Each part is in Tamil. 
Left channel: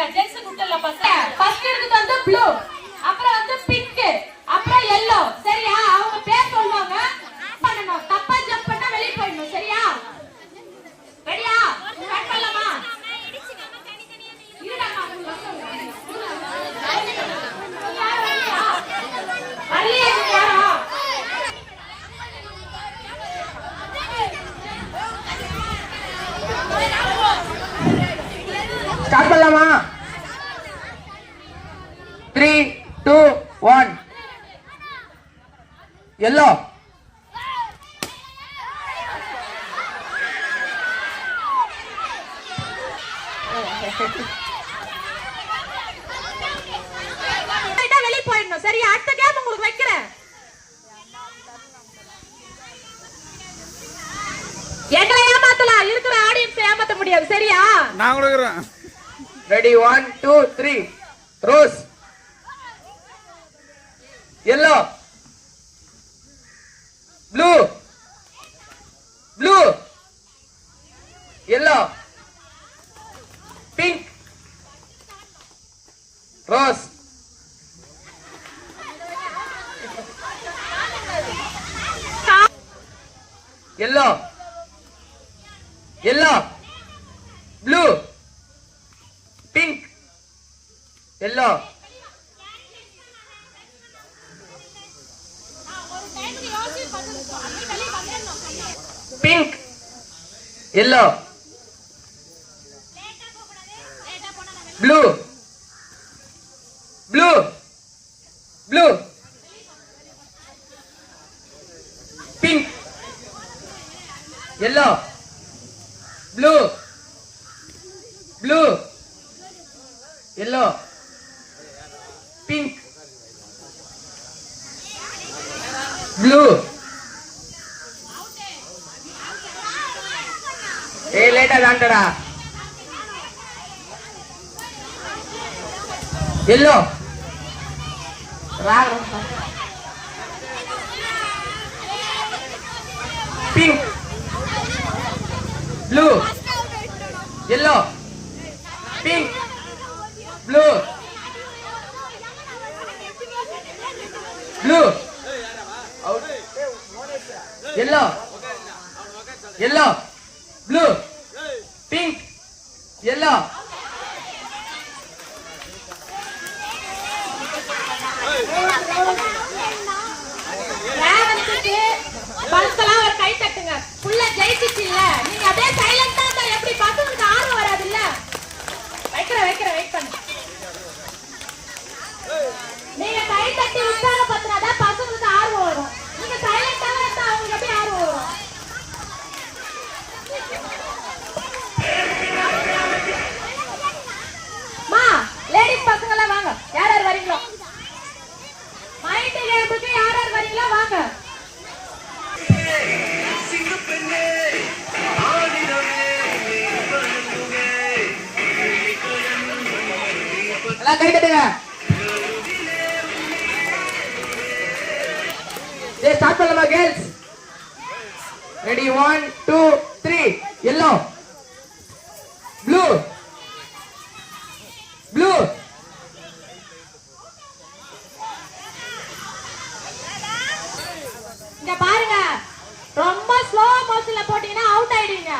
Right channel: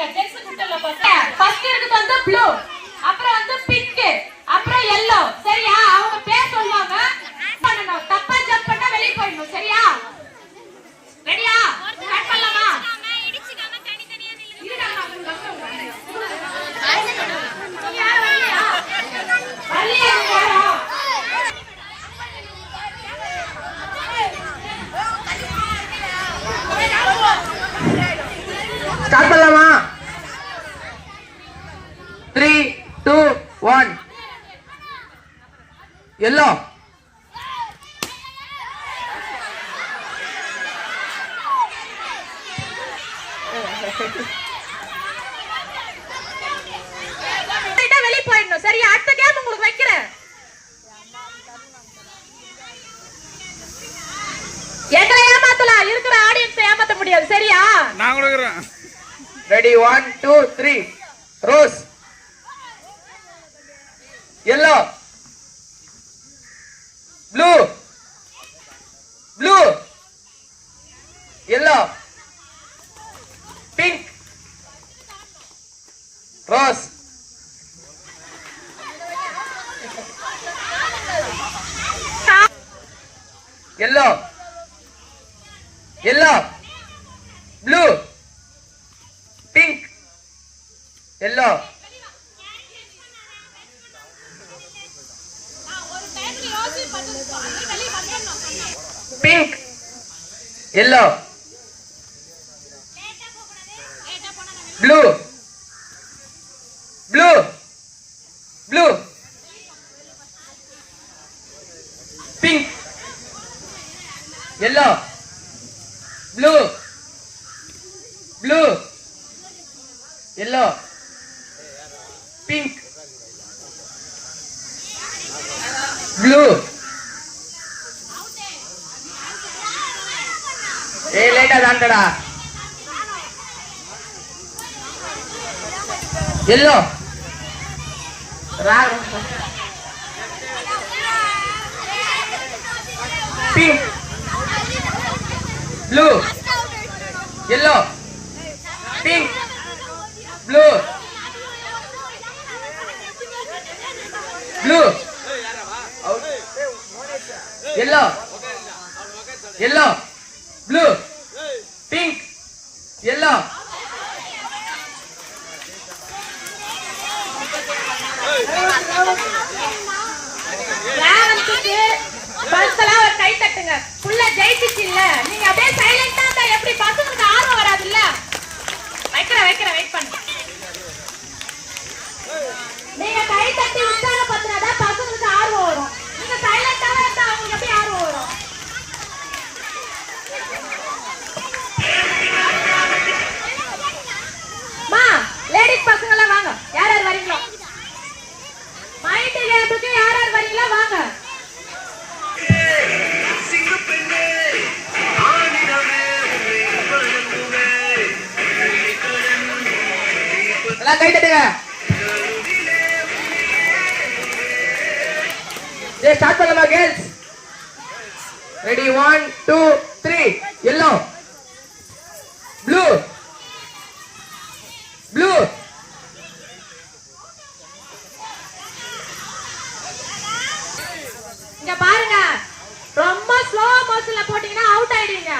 பாருங்க ஜென்ஸ் குட்டல பாருங்க ஃபர்ஸ்ட் இருக்குது வந்து ப்ளூ அப்புறம் வந்து பிங்க் அப்புறம் yellow சரியா அவங்க பேர் சொல்வாங்க பண்ணனும் தப்பா ஜம்ப் பண்ணா வெளிய போய்டணும் சரியா ரெடியா ஸ்டார்ட் பண்ணலாமா இடிச்சுக்காம தனி தனியா நில்லுங்க ஸ்டார்ட் பண்ணலாமா 3 2 1 yellow வெளிய போயிடணும் சரியா அடுத்த கேம் உங்களுக்கு வைக்கிறேன் என்ன ஏமாத்தல இருக்கிற ஆடியன்ஸ் ஏமாத்த முடியாது சரியா நான் கொடுக்குறேன் ready 1 2 3 rose yellow blue blue yellow pink rose yellow yellow blue pink yellow pink yellow blue blue blue pink yellow blue blue yellow pink blue later gantara yellow pink blue yellow pink blue blue yellow yellow blue pink yellow ராவனுக்கு பஸ்ல ஒரு கை தட்டுங்க ஃபுல்லா ஜெயிச்சிச்சு இல்ல நீங்க அப்படியே சைலண்டா இருந்தா எப்படி பசங்களுக்கு ஆர்வம் வராது இல்ல வைக்கிறேன் வெயிட் பண்ணு நீங்க கை தட்டி உட்கார பத்தினாதான் பசங்களுக்கு ஆர்வம் வரும் நீங்க சைலண்டா இருந்தா அவங்களுக்கு எப்படி ஆர்வம் வரும் மா லேடிஸ் பசங்க எல்லாம் வாங்க யார் யார் வரீங்களோ மைண்ட் கேட்டுக்கு யார் யார் வரீங்களோ வாங்க எல்லாம் கை தட்டுங்க ஸ்டார்ட் பண்ணலாமா girls ready 1 2 3 yellow blue blue இங்க பாருங்க ரொம்ப ஸ்லோ மோஷன்ல போட்டீங்கன்னா அவுட் ஆயிடுவீங்க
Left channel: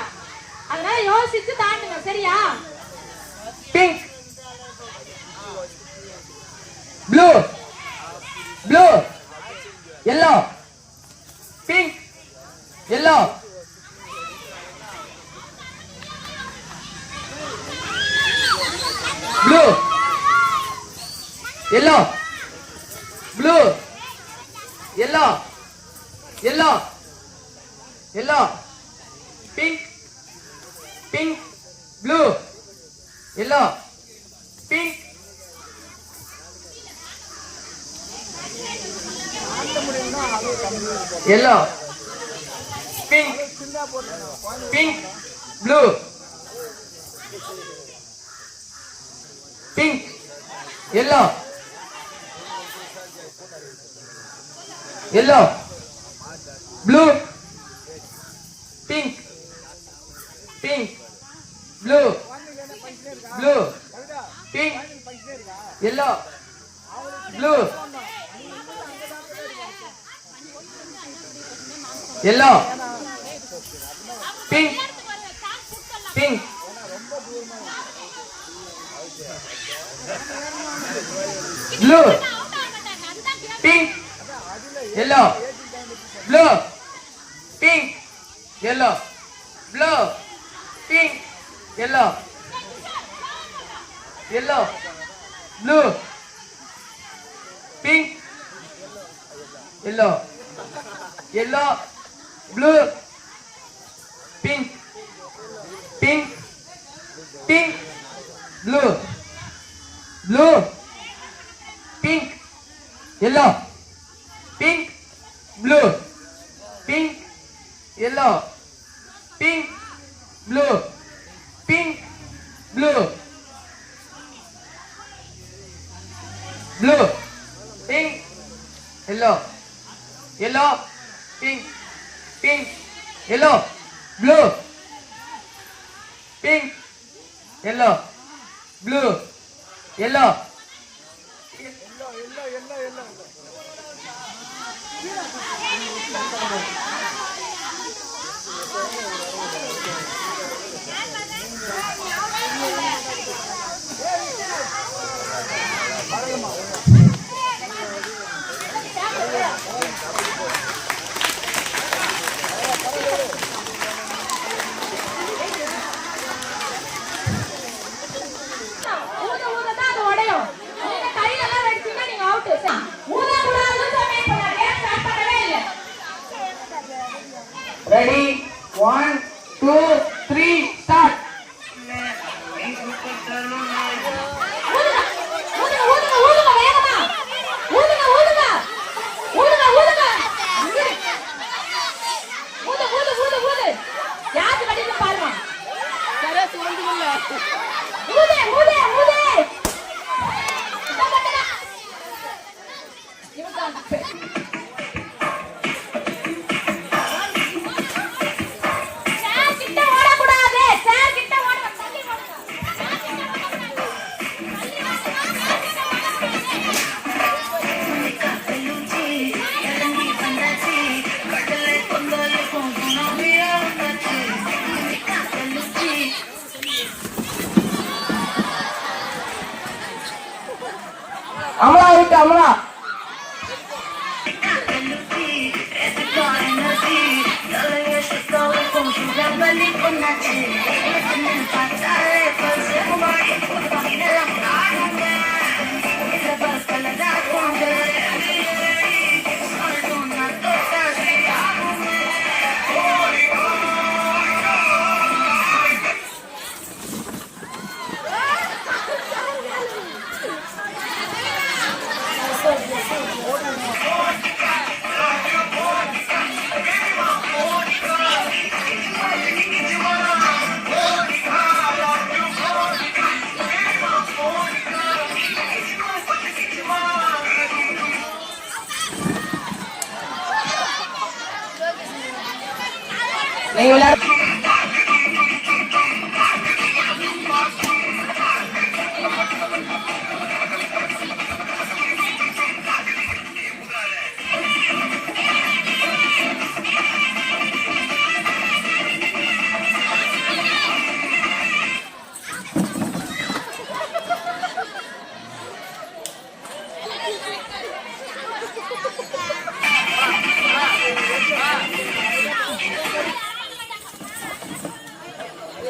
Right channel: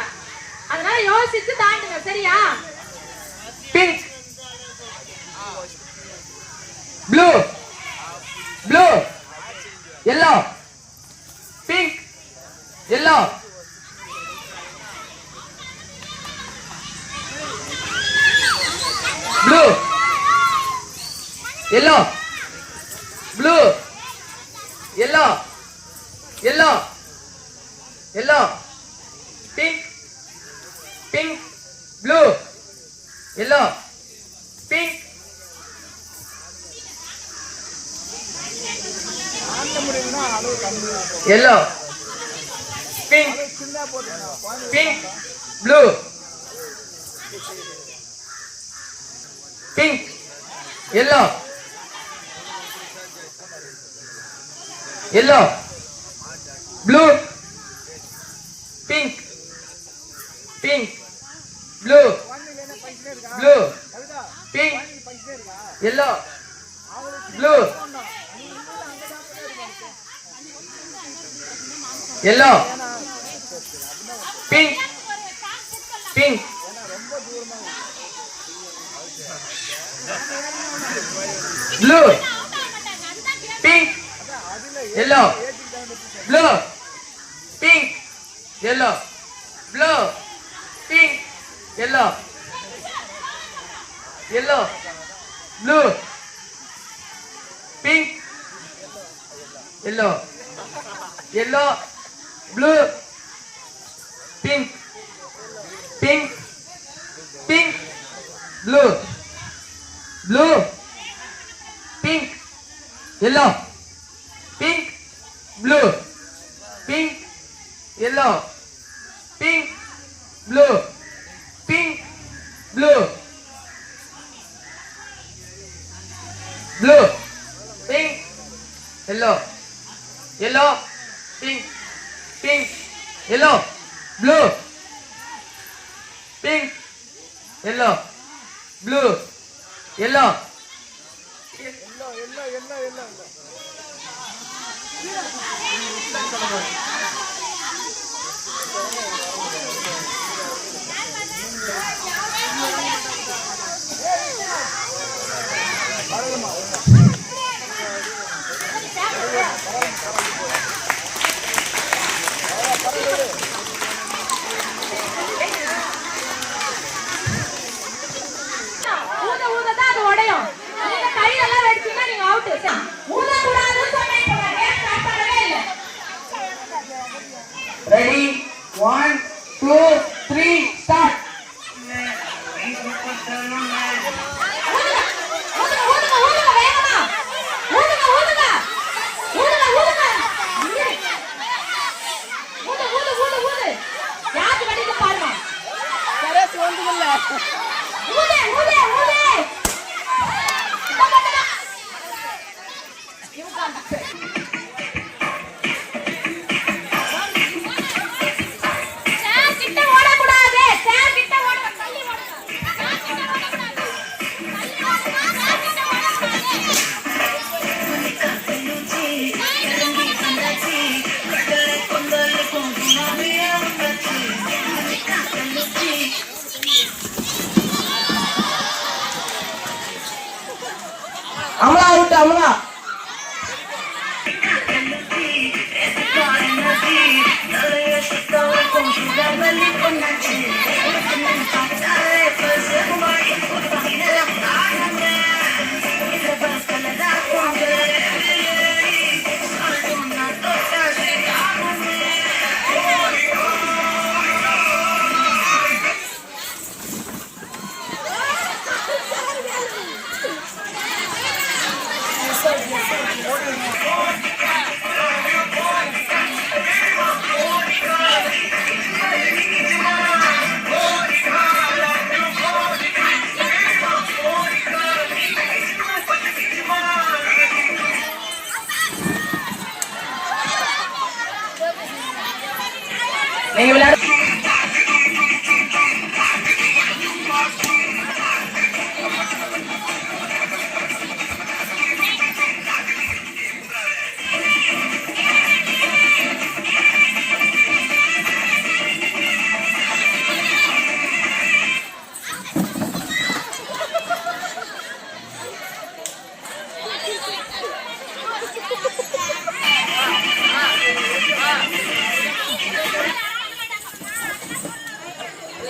அதனால யோசிச்சு தாண்டுங்க சரியா pink blue blue yellow pink yellow blue yellow blue yellow yellow yellow pink pink blue yellow pink yellow pink pink blue pink yellow yellow blue pink pink blue blue pink, yellow, blue, yellow, pink, pink, blue, pink, yellow, blue, pink, yellow, blue, pink, yellow, yellow, blue, pink, yellow, yellow, blue, pink, pink, pink, blue, blue, pink, yellow, pink, blue, pink, yellow, pink, blue, pink, blue, blue, pink, yellow, yellow, pink, pink, yellow, blue, pink, yellow, blue, yellow. ஊத ஊததான் அது உடையும். நீங்க கையெல்லாம் வெடிச்சீங்கன்னா நீங்க அவுட். ஊத கூடாதுன்னு சொன்னேன். கேம் ஸ்டார்ட் பண்ணவே இல்ல. Ready? 1, 2, 3, start. ஊதுங்க ஊதுங்க ஊதுங்க வேகமா. ஊதுங்க ஊதுங்க. ஊதுங்க ஊதுங்க. ஊது ஊது ஊது ஊது. யாரு வெடிச்சு பாருங்க. ஊது ஊது ஊது. சார் கிட்ட ஓடக்கூடாது. சார் கிட்ட ஓட தள்ளி ஓடுங்க. அமலா out, அமலா. நீங்க விளையாடு.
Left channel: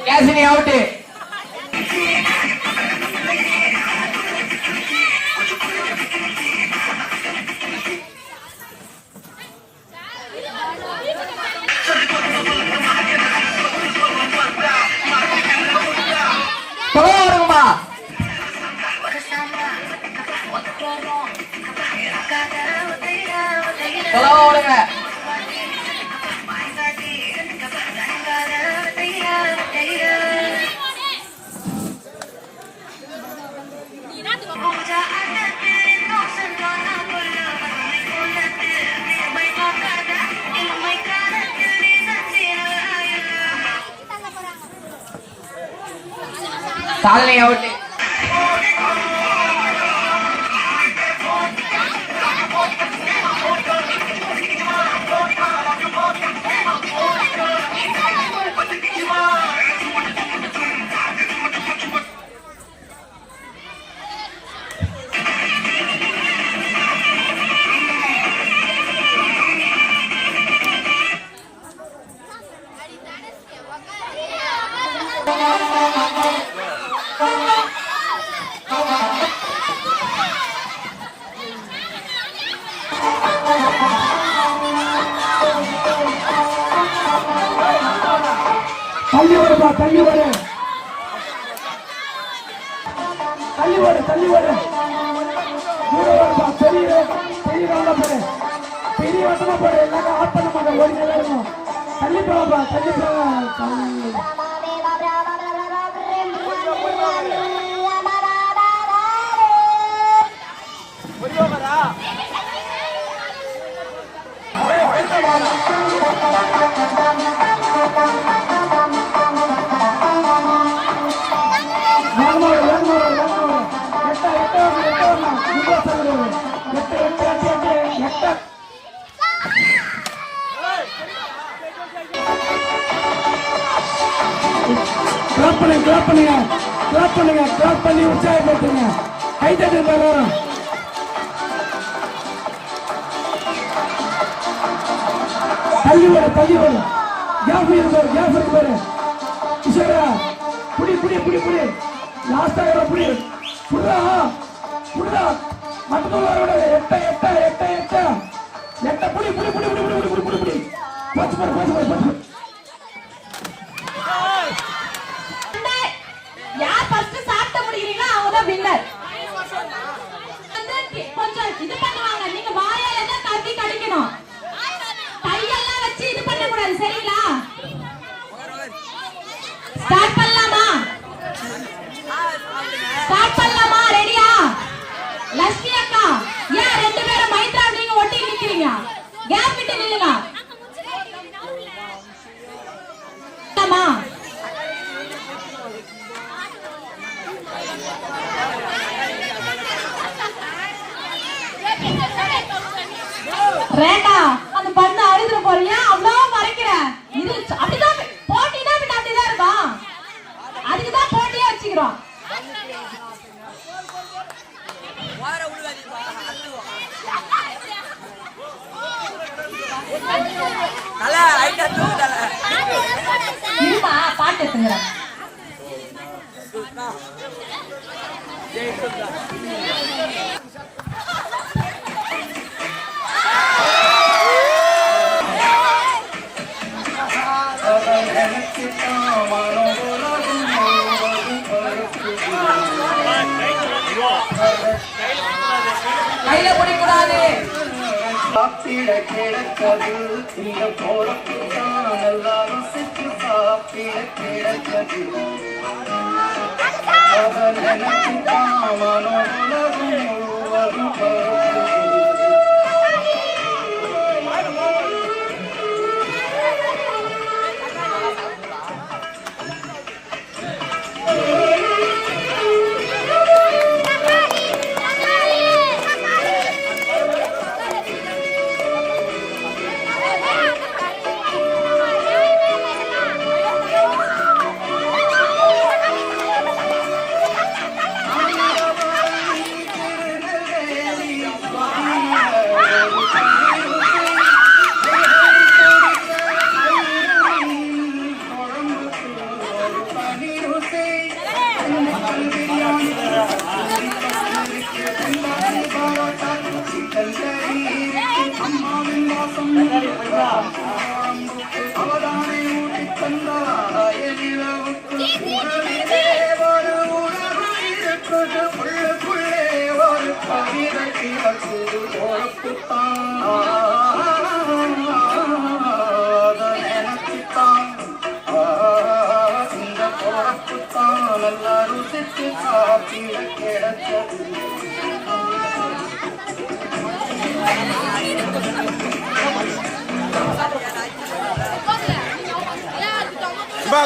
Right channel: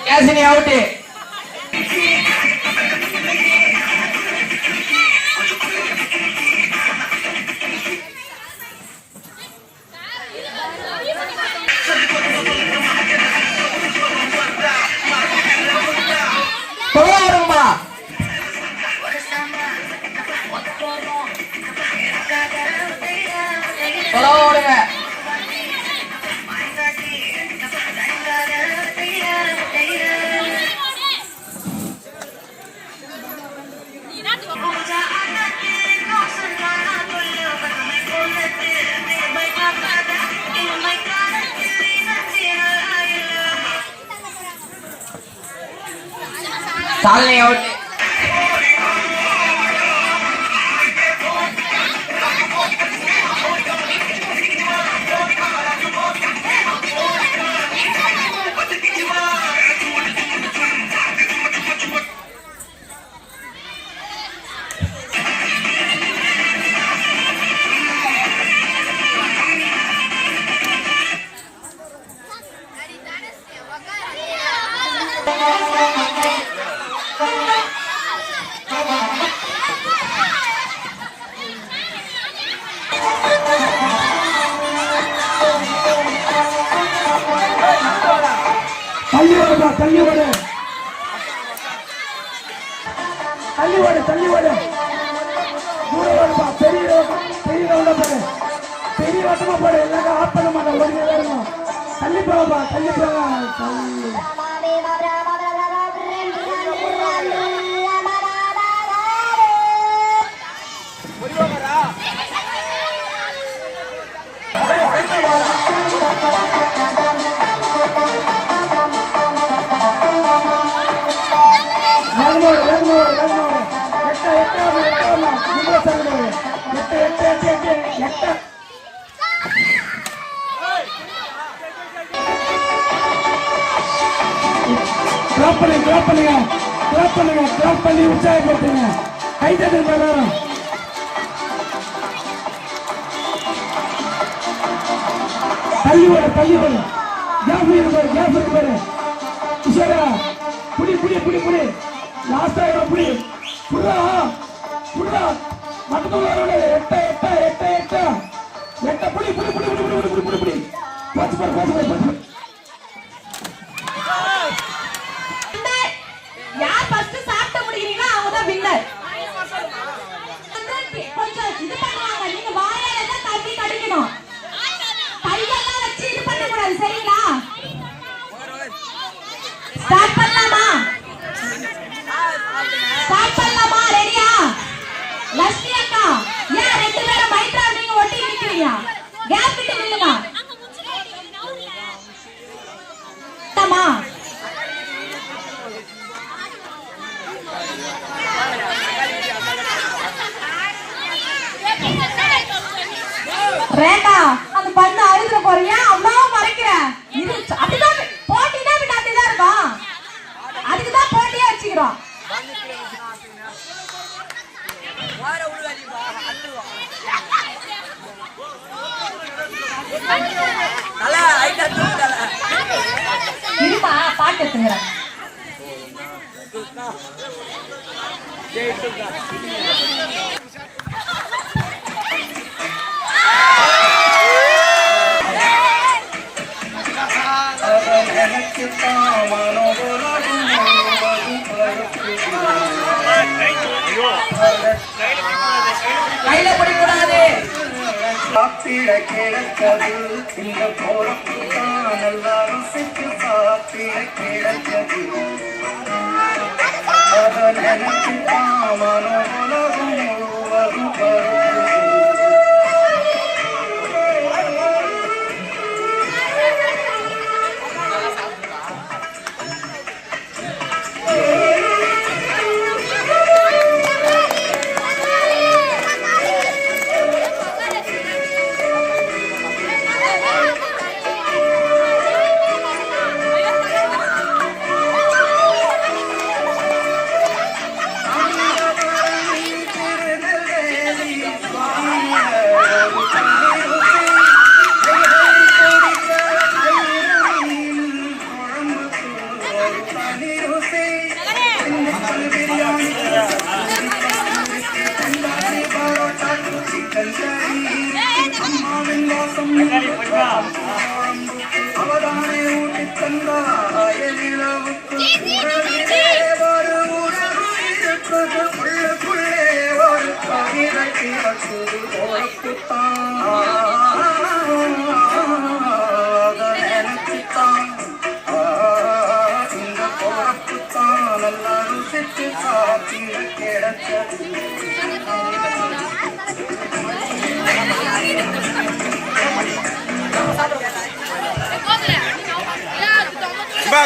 Casini out. Tolongma. Tolong. Saling out. தள்ளி ஓடுப்பா, தள்ளி ஓடு, தள்ளி ஓடு, தள்ளி ஓடு. பெரிய ரவுண்டா போடு, பெரிய வட்டமா போடு. எல்லாரும் ஆஃப் பண்ண மாட்டேன், ஓடினே இருக்கும். தள்ளி போகப்பா, தள்ளி போக, தள்ளி. கிளாப் பண்ணி உற்சாகப்படுத்துங்க. கை தட்டுங்க எல்லாரும். தள்ளி வர, தள்ளி வர. கேப் இருக்கு பாரு. கிஷோரா, புடி புடி புடி புடி. லாஸ்டா புடி. புடா புடா. மட்டும் வர. எட்ட புடி புடி புடி புடி புடி புடி புடி புடி. பாத்து. யார் ஃபர்ஸ்ட் சாப்பிட முடியறீங்களோ அவங்க தான் வின்னர். கொஞ்சம் இது பண்ணுவாங்க, நீங்க வாயால தான் தட்டி கடிக்கணும். கையெல்லாம் வச்சு இது பண்ண கூடாது, சரிங்களா? ஸ்டார்ட் பண்ணலாமா? ரெடியா? லட்சுமி அக்கா, ஏன் ரெண்டு பேரும் மைத்ரா நீங்க ஒட்டி நிக்கிறீங்க? கேப் விட்டு நில்லுங்க. ஆமா, ரேகா, அந்த பண்ண அழிஞ்ச போறியா? அவ்வளவு மறைக்கிற. இது அப்படிதான் போட்டினா அப்படிதான் இருக்கும். அதுக்குதான் போட்டியா வச்சுக்கிறோம். இருமா, பாட்டு எடுத்துங்க. கையில பிடிக்கூடாது. சாத்திட கிடைத்தது இந்த போறப்பு தான் எல்லாரும் சிக்கு சாத்திட கிடைத்தது. அவர் எனக்கு தாமனோ உலகம் முழுவதும் பருப்பு.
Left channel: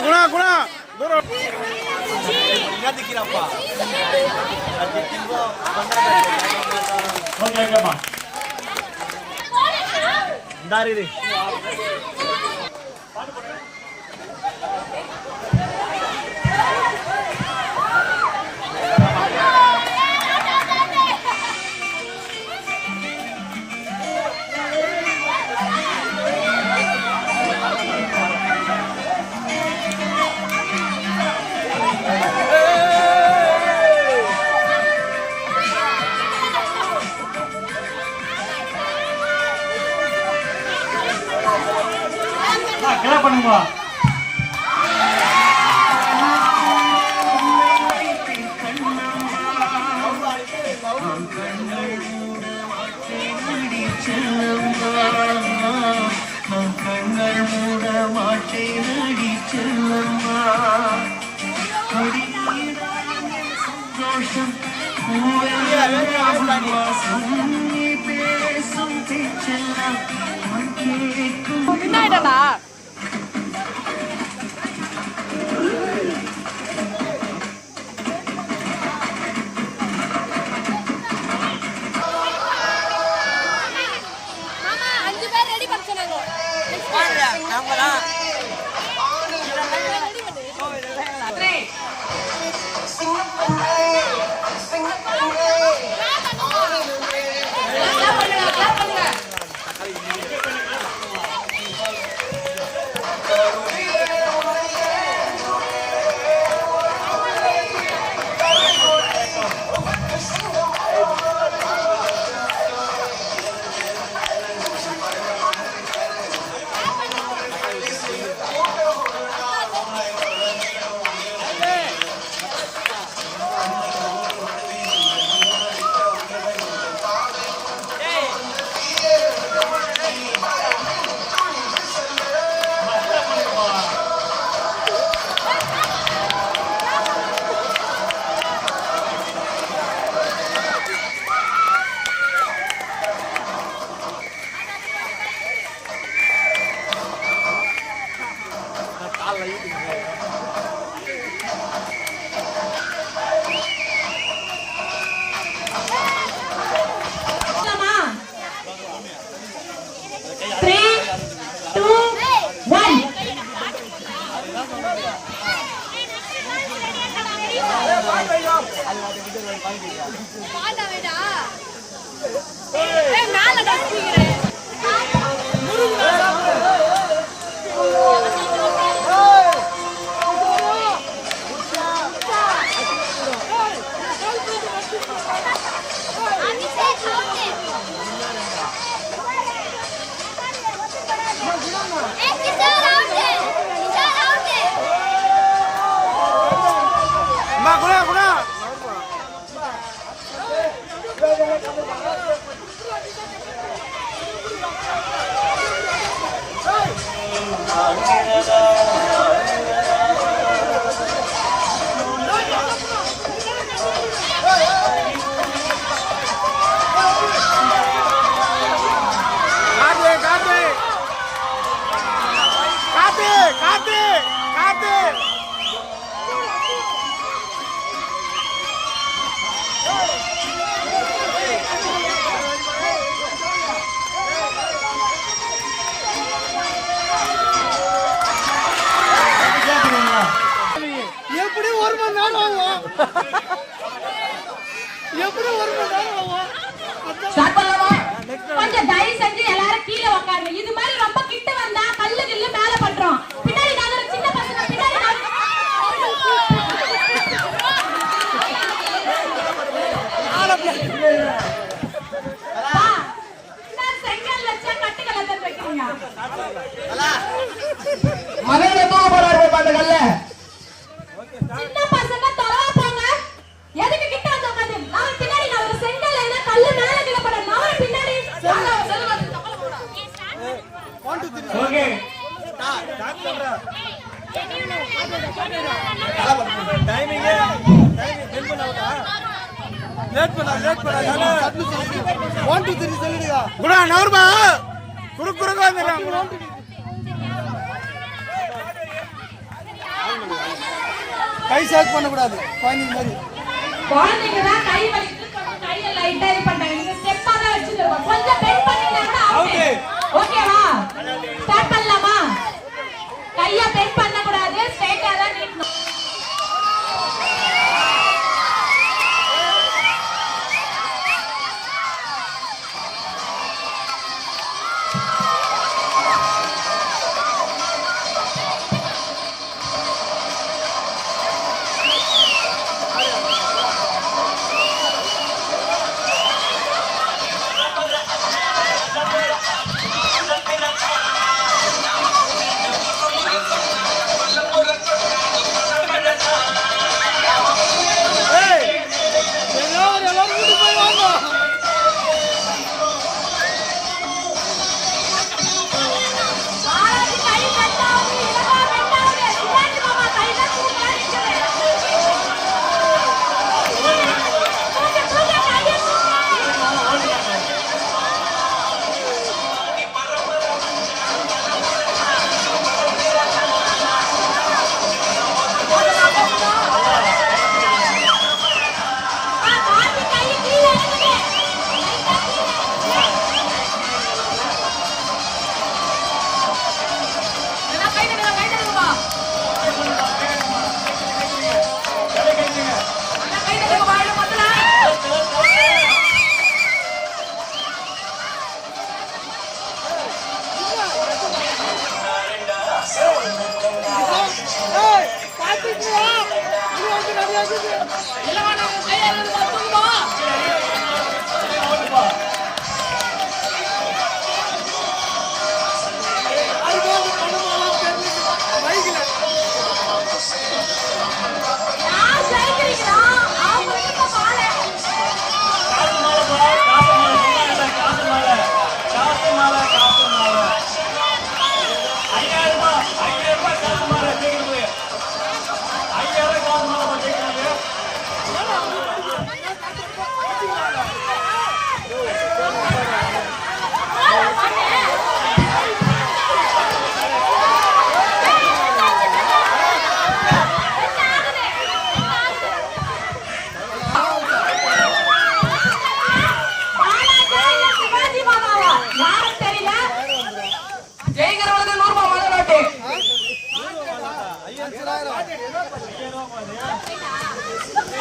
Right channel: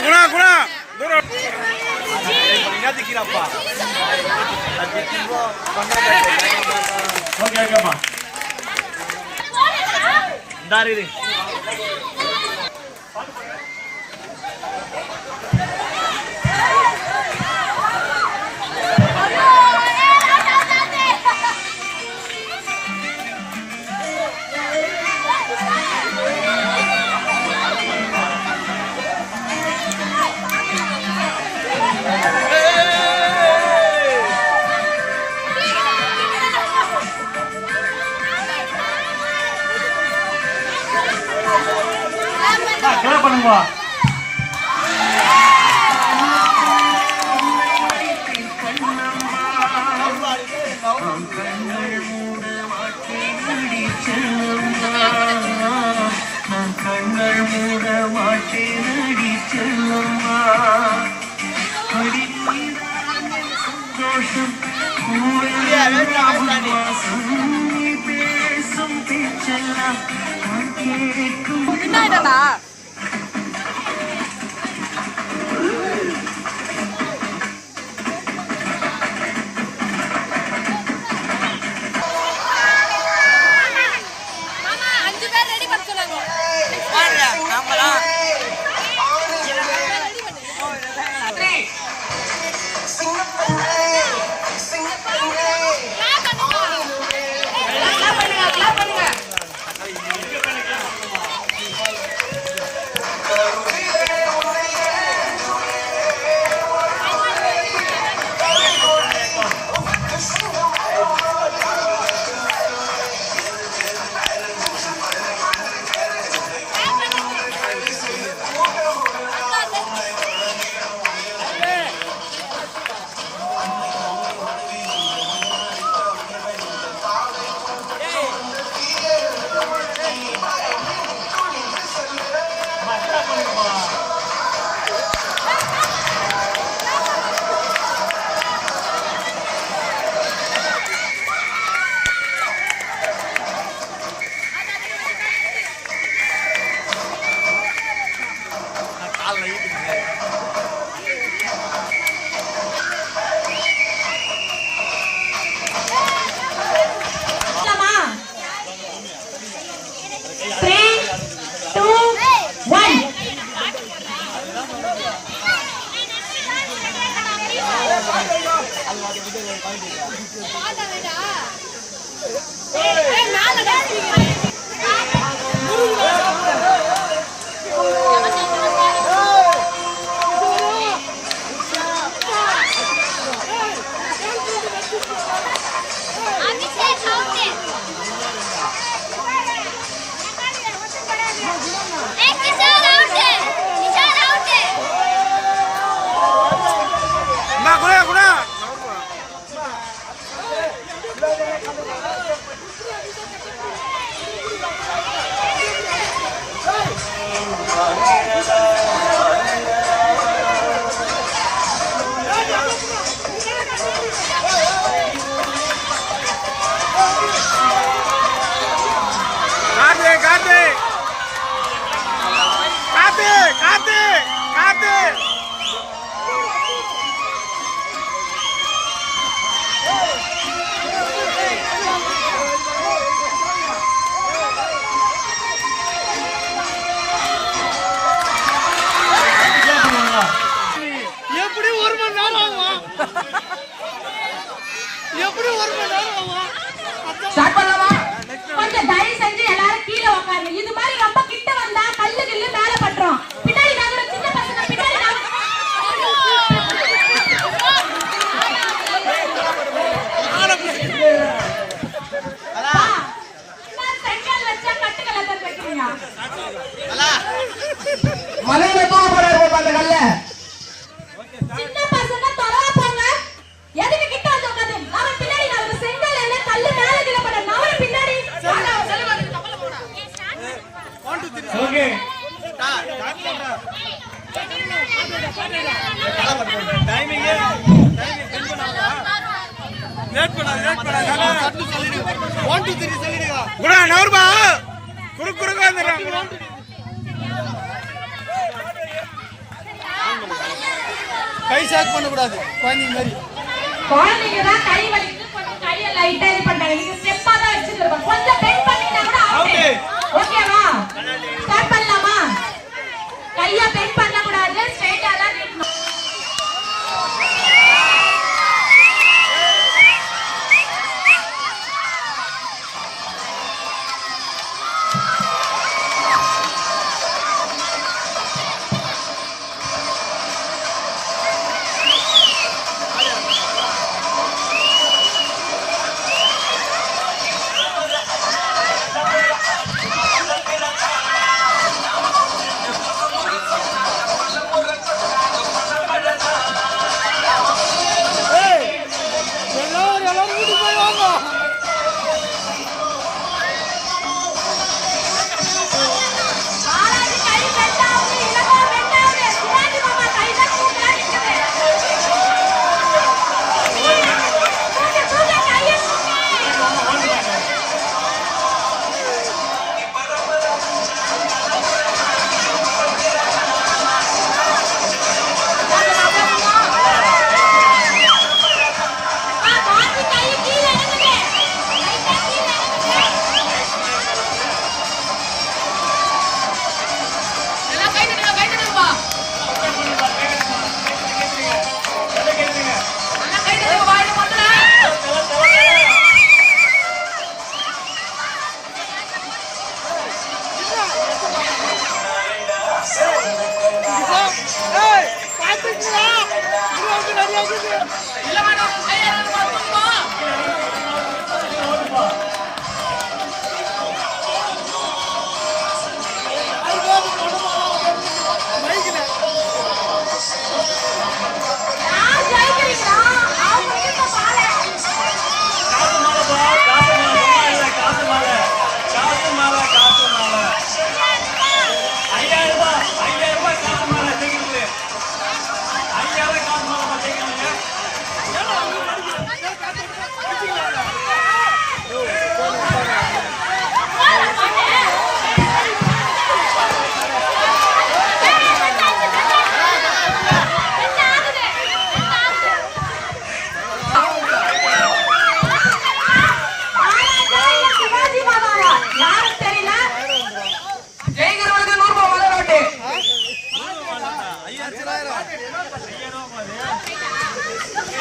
Guna, duro. Dari. Kenapa nih, Pak? 3, 2, 1. அம்மா குணா குணா காத்து காத்து காத்து காத்து காத்து எப்படி ஒரு மணி நேரம் ஆகும் எப்படி ஒரு மணி நேரம் ஆகும் ஸ்டார்ட் பண்ணலாமா? கொஞ்சம் தயவு செஞ்சு எல்லாரும் கீழே உட்காருங்க. இது மாதிரி ரொம்ப கிட்ட வந்தா கல்லு கில்லு மேல பண்றோம். பின்னாடி நகர சின்ன பசங்க பின்னாடி செங்கல் வச்சா கட்டுக்கலை வைக்கிறீங்க. மலையில தூக்க போறாரு அந்த கல்ல. சின்ன பசங்க தொலைவா போங்க. எதுக்கு கிட்ட வந்து உட்காந்து? அவன் பின்னாடி நகர செங்கல் என்ன கல்லு மேல விழப்பட நவர பின்னாடி. ஓகே குணா நவர்பா குறுக்கு குறுக்கு வந்துடுறான் கை ஷேக் பண்ணக்கூடாது குழந்தைங்க மாதிரி குழந்தைங்க தான் கை வலிக்குது கொஞ்சம் கையை லைட்டா இது பண்றாங்க. நீங்க ஸ்டெப்பா தான் வச்சிருக்கோம். கொஞ்சம் பெண்ட் பண்ணீங்கன்னா கூட அவுட். ஓகேவா? ஸ்டார்ட் பண்ணலாமா? கையை பெண்ட் பண்ண கூடாது. ஸ்ட்ரைட்டா தான் நிக்கணும். எல்லாரும் கூட்டி போய் வாங்க ஆளாது கை பெண்ட் ஆகுது. இல்லமா பெண்ட் ஆகுது. சிவாஜி மாமா கை தான் தூக்கி அடிக்குது. தூக்கு கையை காட்டி கையை கீழே எடுத்துங்க. லைட்டா கீழே எடுத்துங்க. எல்லாம் கை தட்டுப்பா. எல்லாம் கை தட்டுங்க வாடி முதல்ல. பாத்துக்கிறா நிறைய இல்லமா நம்ம கையில இருந்து வந்துருமா? அதுக்காக படமாலாம் தெரியல மைக்கில் யார் ஜெயிக்கிறீங்களா? அவங்க கிட்ட பாரு. ஏன்னா நீ படிக்கிற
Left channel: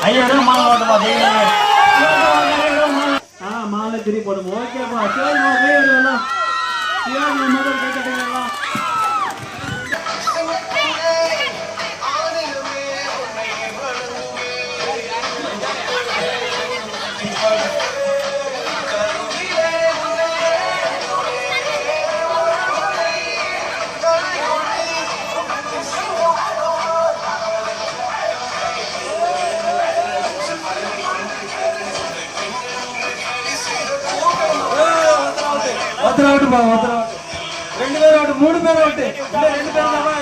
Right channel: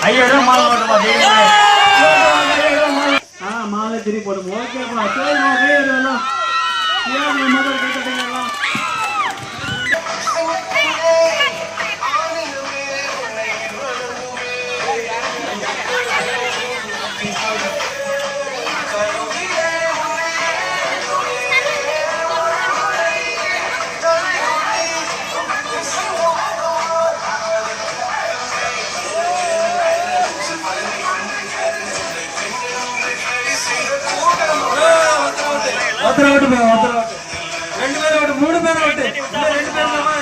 ஐயாயிரம் மாலை போட்டுமா மாலை திரி போடும் ஓகேப்பா சரிம்மா வேறு எல்லாம் முதல் கை கட்டுங்களா ஒருத்தர் ஆட்டுப்பா ஒருத்தர் ஆட்டு 2 பேர் ஆட்டு 3 பேர் ஆட்டு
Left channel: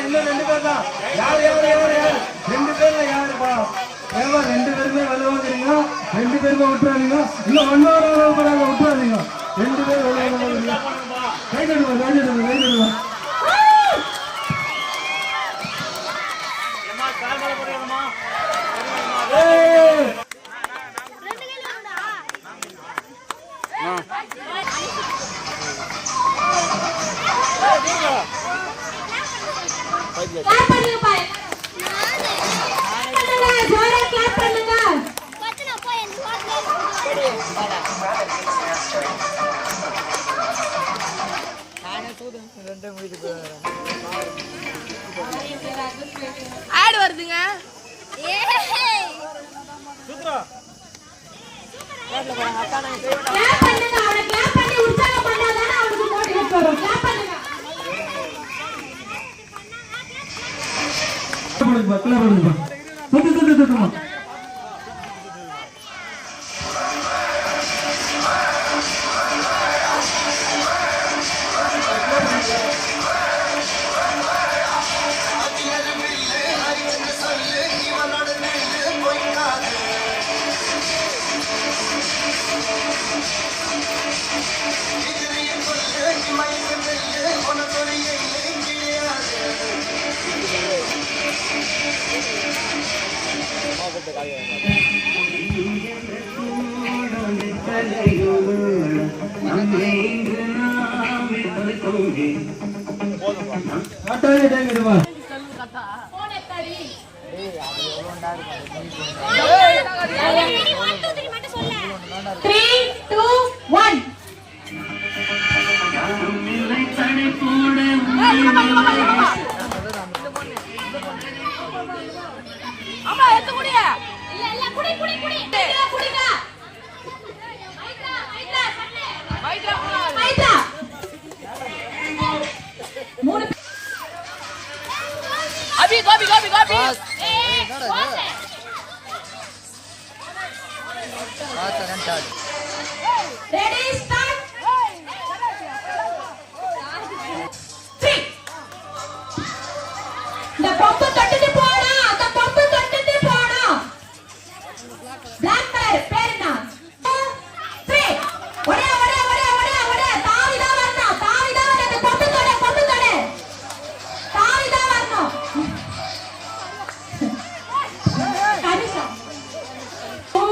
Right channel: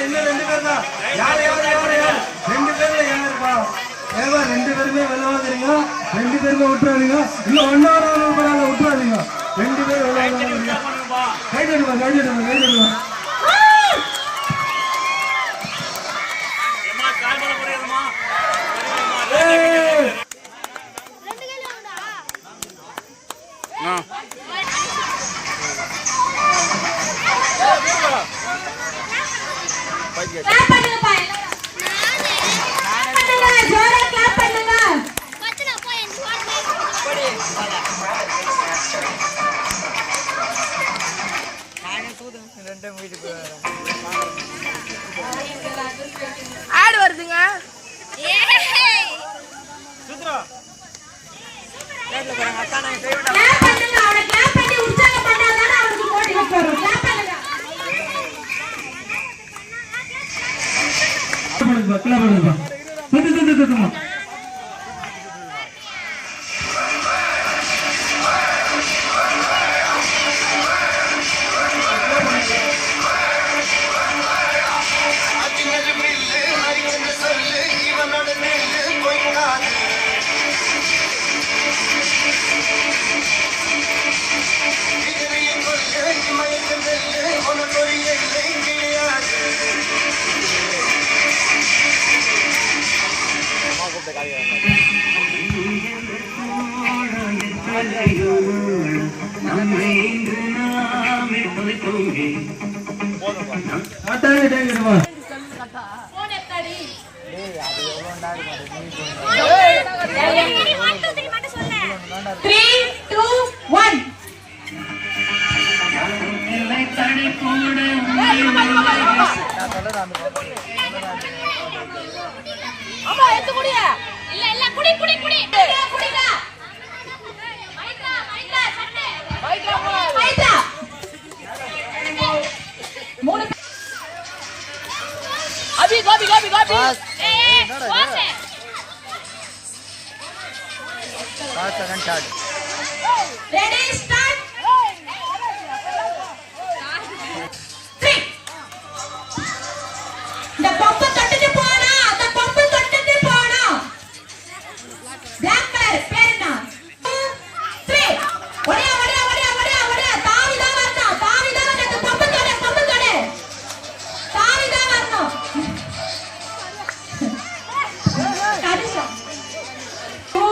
இன்னும் 2 பேர் தான் யார் 2 பேர்ல யாருப்பா ஏவா 2 பேருமே வெள்ளாடுறீங்க 2 பேருமே விட்டுறாதீங்க இன்னும் 1 ஹவர் விட்டுறாதீங்க 2 பேர் வெள்ளாடுறீங்க கைடுங்க கிளாப் பண்ணுங்க பாய் ஜோரா கிளாப் பண்ணுங்க ஆடு வருதுங்க கிளாப் பண்ணுங்க அவனை கிளாப் பண்ணி உற்சாகம் பண்ணாதான் அவனுக்கு மோட்டிவேட் வரும் கிளாப் பண்ணுங்க போன் எத்தாடி 3 2 1 அம்மா எடுத்து குடிங்க இல்ல குடி குடிங்க மைதா மூணு அபி கோபி ஓசே ரெடி ஸ்டார்ட் 3 இந்த பம்பு தட்டிட்டு போடா அந்த பம்பு தட்டிட்டு போடா பிளாக் கலர் பேர் என்ன 3 ஒரே தாவிதா வரணும் அந்த பம்பு தட தாவிதா வரணும் கரிசம் 2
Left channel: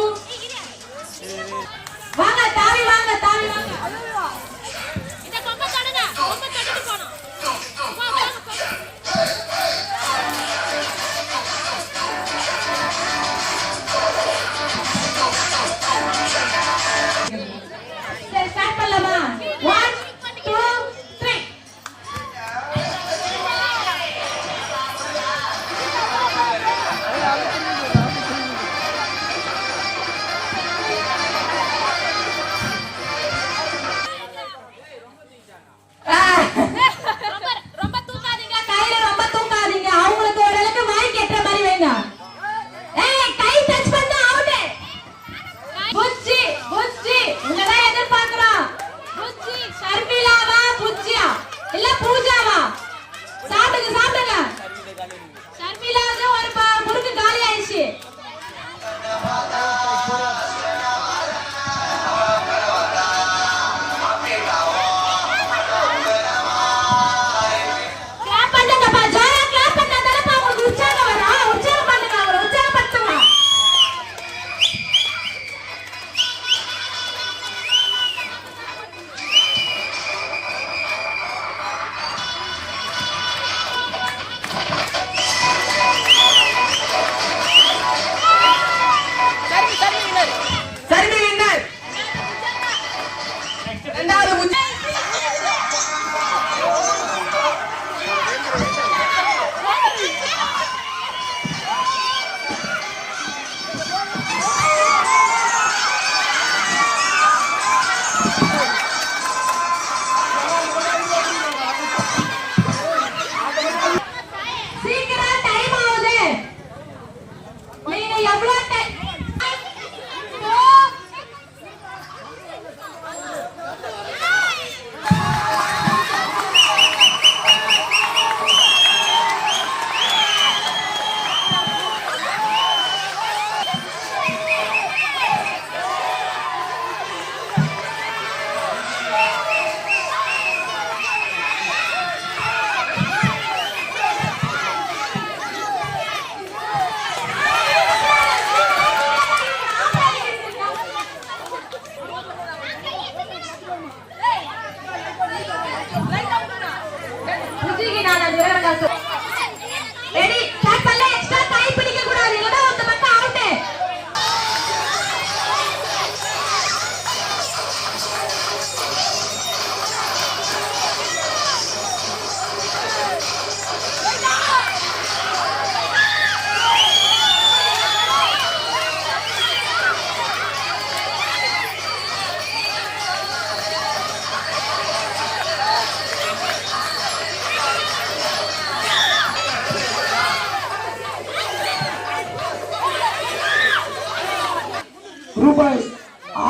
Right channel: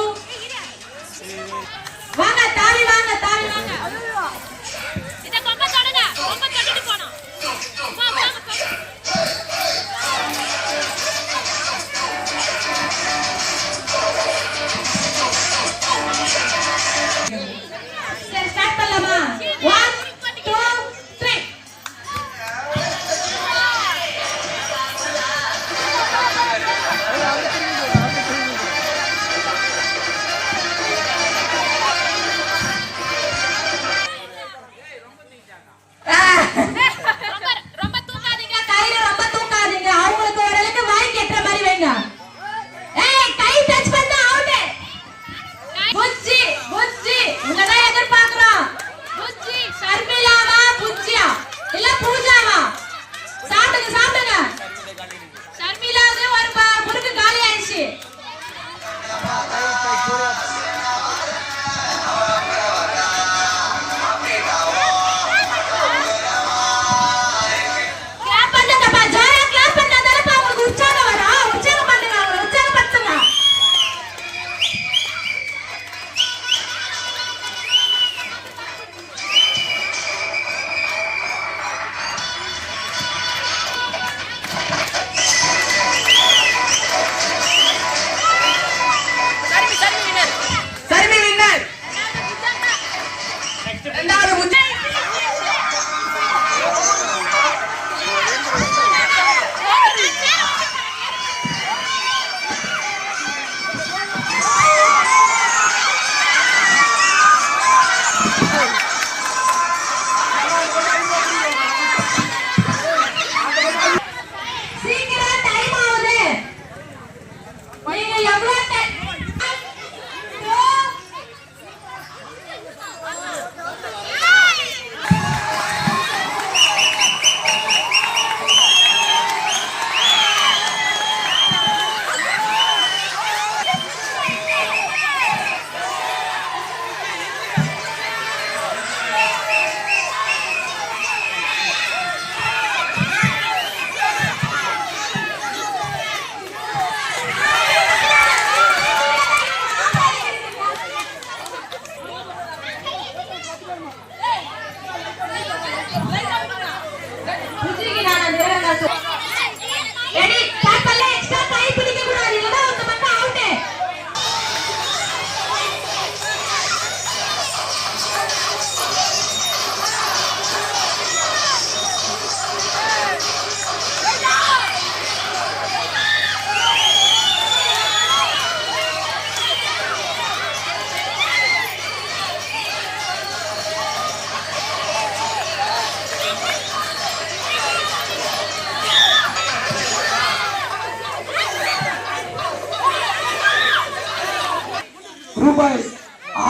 ரூபாய்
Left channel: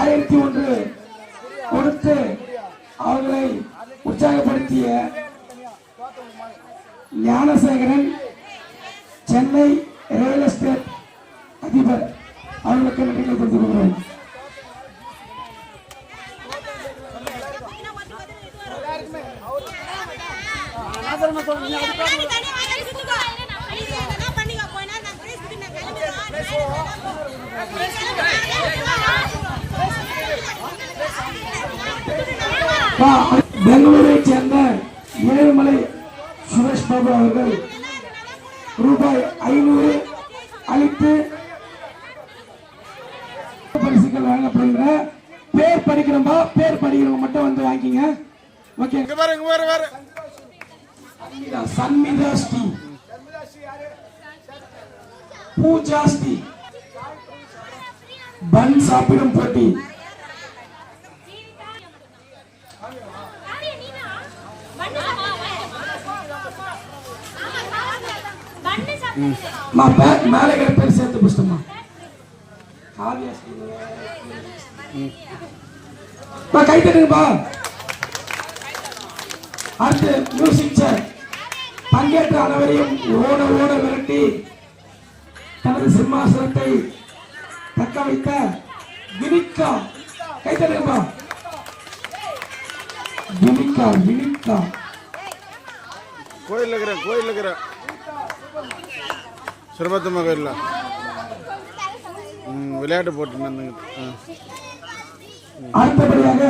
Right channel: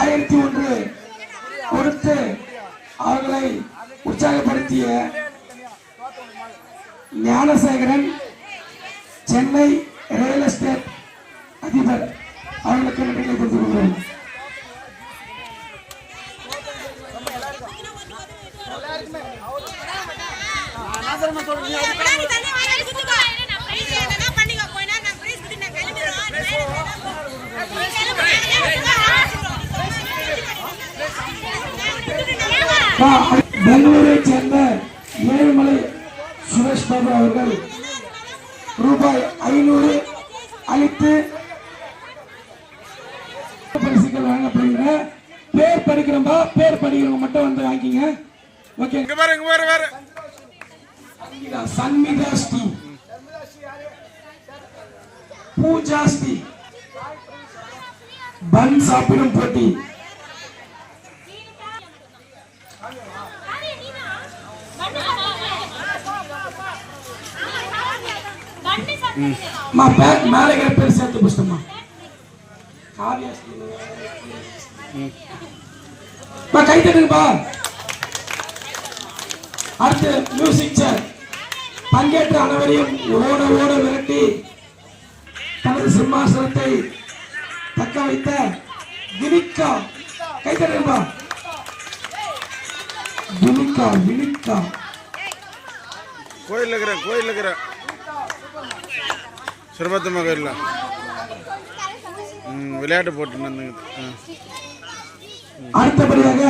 1001 கொடுத்து அவர்களை உற்சாகப்படுத்திய ஞானசேகரன் சென்னை ரியல் எஸ்டேட் அதிபர் அவர்களுக்கு நன்றிகளை தெரிவித்துக் கொள்கிறோம். பெங்களூரை சேர்ந்த ஏழுமலை சுரேஷ் பாபு அவர்கள் ரூபாய் 500 அளித்து பரிசுகள் வழங்கப்படுகிற பேர் படிக்கிறோம்பா, பேர் படிக்கிறவங்க மட்டும் வந்து வாங்கிங்க. ஓகே, சன்மிதா ஸ்ரீ, பூஜா ஸ்ரீ, பன் சாப்பிடும் போட்டி, மேலே பேர் சேர்த்து பேசுமா கை தட்டுப்பா. அடுத்து மியூசிக் சேர் பங்கேற்ற அனைவரையும் ஓட ஓட விரட்டி தனது சிம்மாசனத்தை தக்க வைத்த வினிகா. கை தட்டுப்பா. வினிகா கோயில் இருக்கிற சிறுபத்தம்மா கோயில்ல விளையாட்டு போட்டு நடந்துக்குது. அடுத்தபடியாக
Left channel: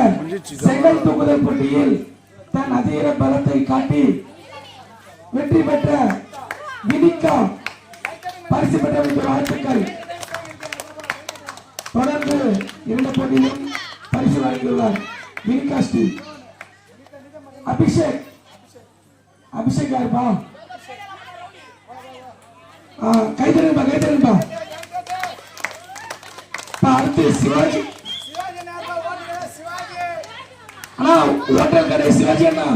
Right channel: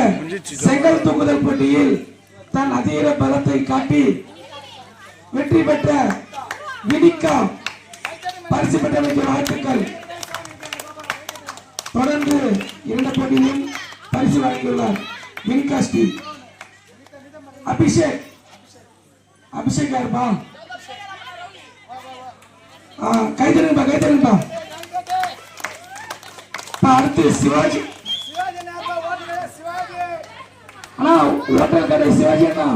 செங்கல் தூக்குதல் போட்டியில் தன் அதீர பலத்தை காட்டி வெற்றி பெற்ற வினிகா பரிசு பெற்றமைக்கு வாழ்த்துக்கள். தொடர்ந்து 2 போட்டியிலும் பரிசு வழங்கியுள்ளார் வினிகா ஸ்ரீ. அபிஷேக் யாருப்பா? கைத்தறிப்பா. அடுத்து சிவாஜி அண்ணா, ஹோட்டல் கடை சிவாஜி அண்ணா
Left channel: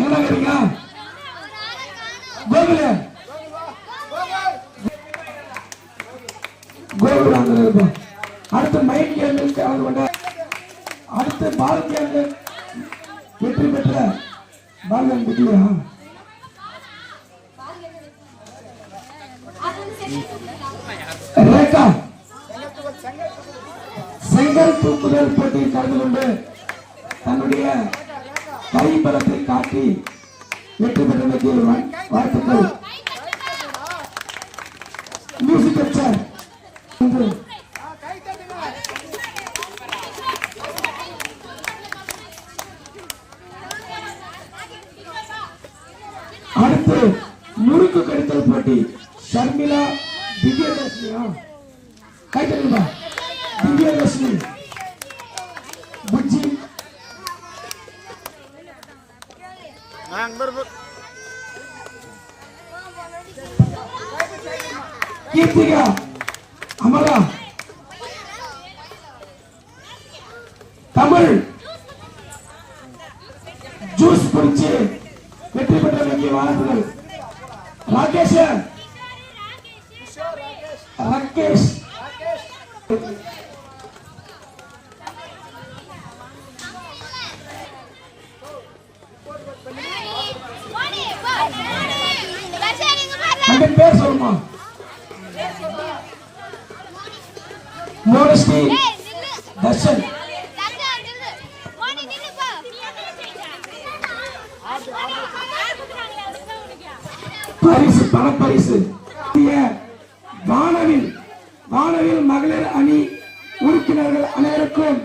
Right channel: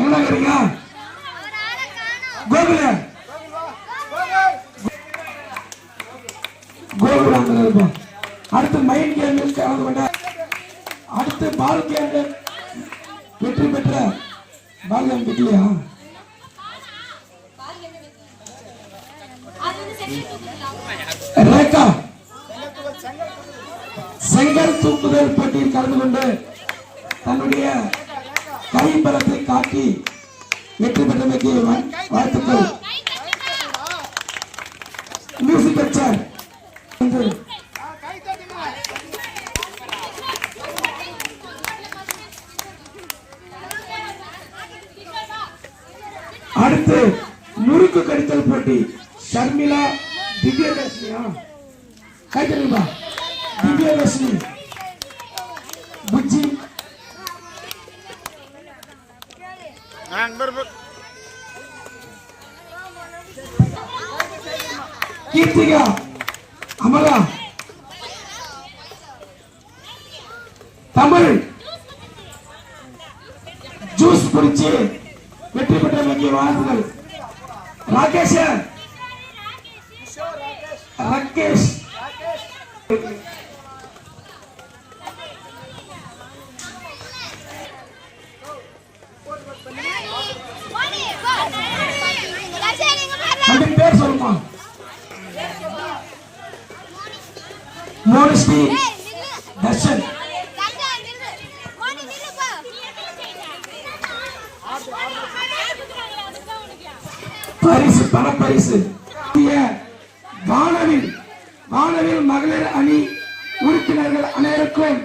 என்ன கேட்டீங்க? கோகுல். அடுத்து மைண்ட் கேம் கலந்து கொண்ட அடுத்து பால் கேம் வெற்றி பெற்ற பால் கேம் பெற்றியா? ரேகா செங்கல் தூக்குதல் போட்டியில் கலந்து கொண்டு தன்னுடைய கைபலத்தை காட்டி வெற்றி பெற்றமைக்கு வாழ்த்துக்கள். மியூசிக் சேர் அடுத்து முறுக்கு கடித்தல் போட்டி ஷர்மிளா திவ்யதர்ஷினியா? கைத்தறிப்பா. திவ்யதர்ஷினி, புஜ்ஜி, கீர்த்திகா, அமரா, தமிழ் ஜூஸ் குடிச்சு வெற்றி பெற்ற முக்கிய வாழ்த்துக்கள். ராகேஷ் பேர் சொல்லுமா? மோனஸ்ரீ தர்ஷன். பரிசு பணப்பரிசு வானவில் மகளிர் அணி உறுப்பினர்கள் அனைவருக்கும்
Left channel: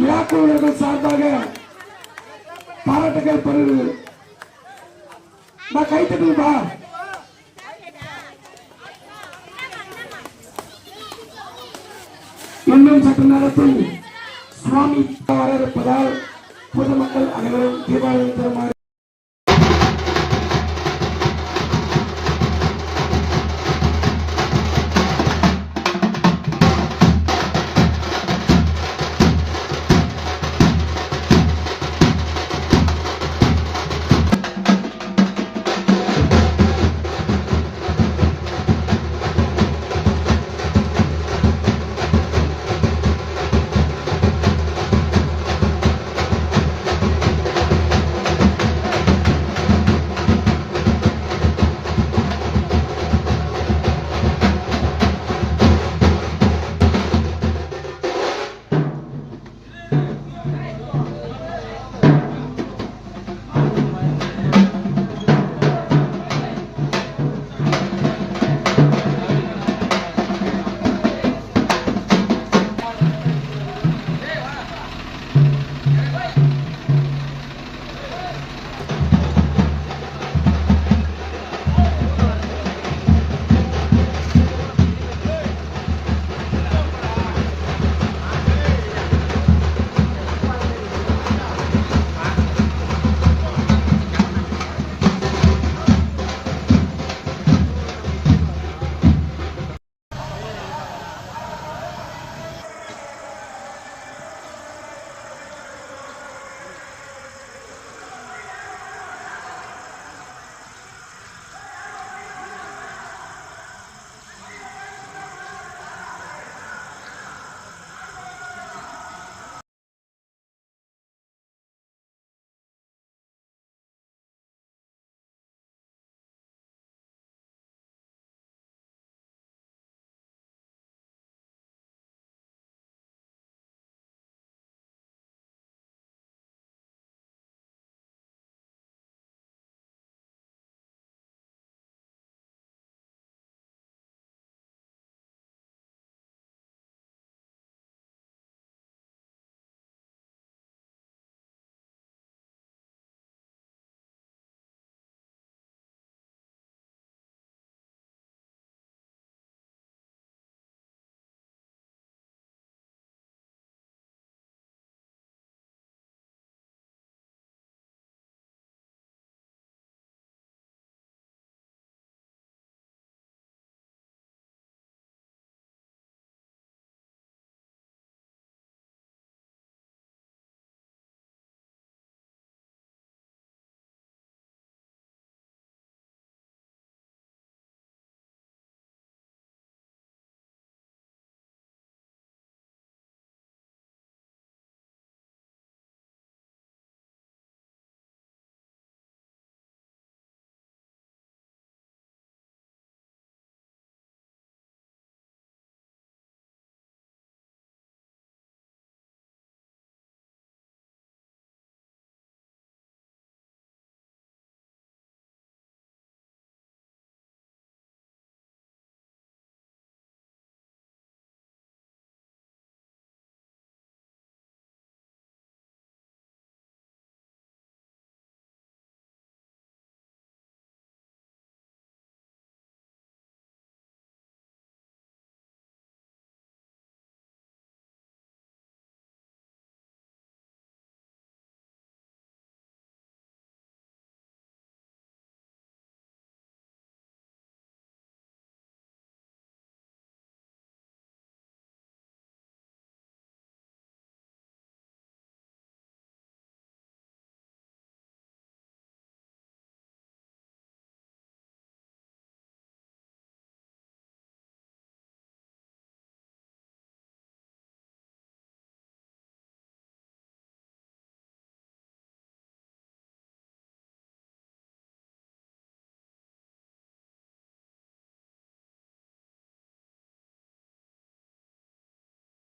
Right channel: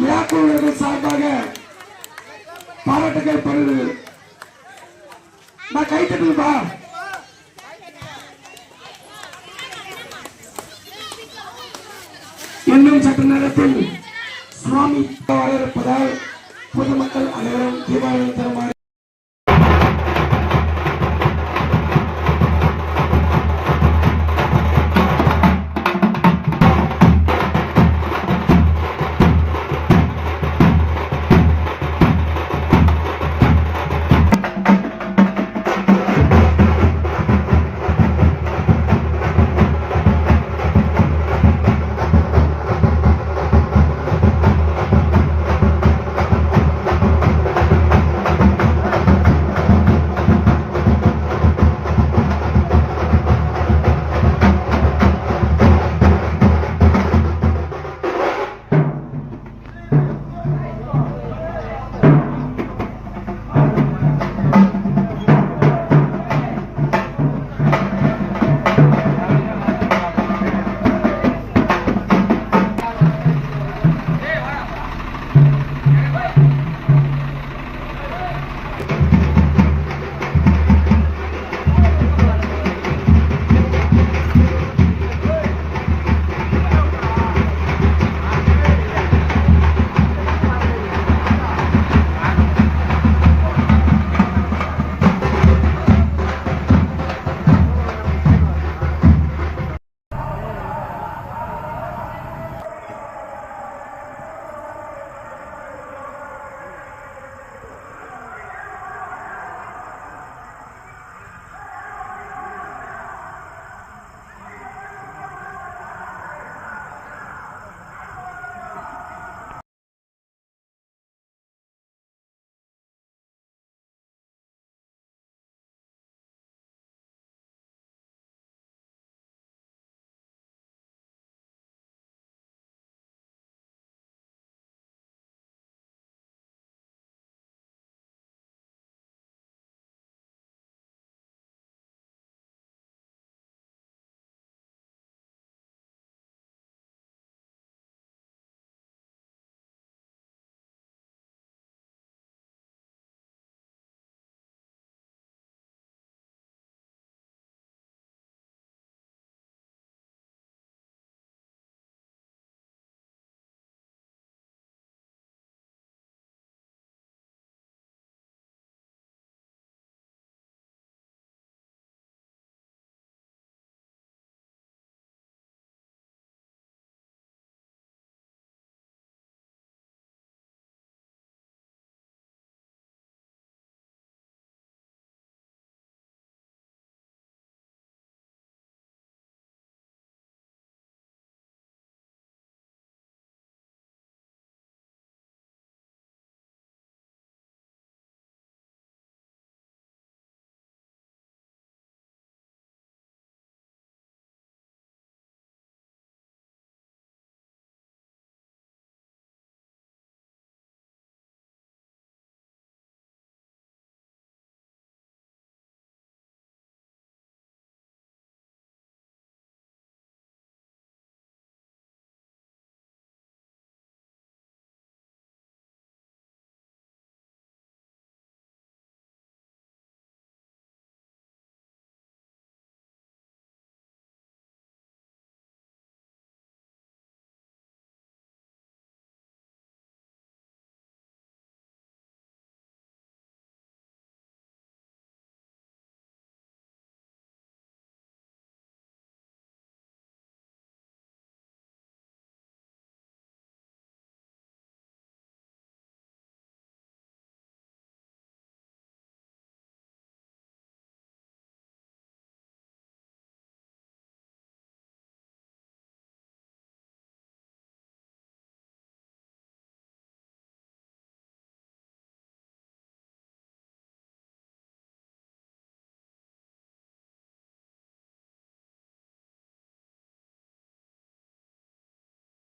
விழாக்குழுவர்கள் சார்பாக பாராட்டுகள் பெறுகிறது. நான் கைத்தட்டுப்பா. இன்னும் சற்று நேரத்தில் சுவாமி வர இருப்பதால் பொதுமக்கள் அனைவரும் தீபாவளி தருமாறு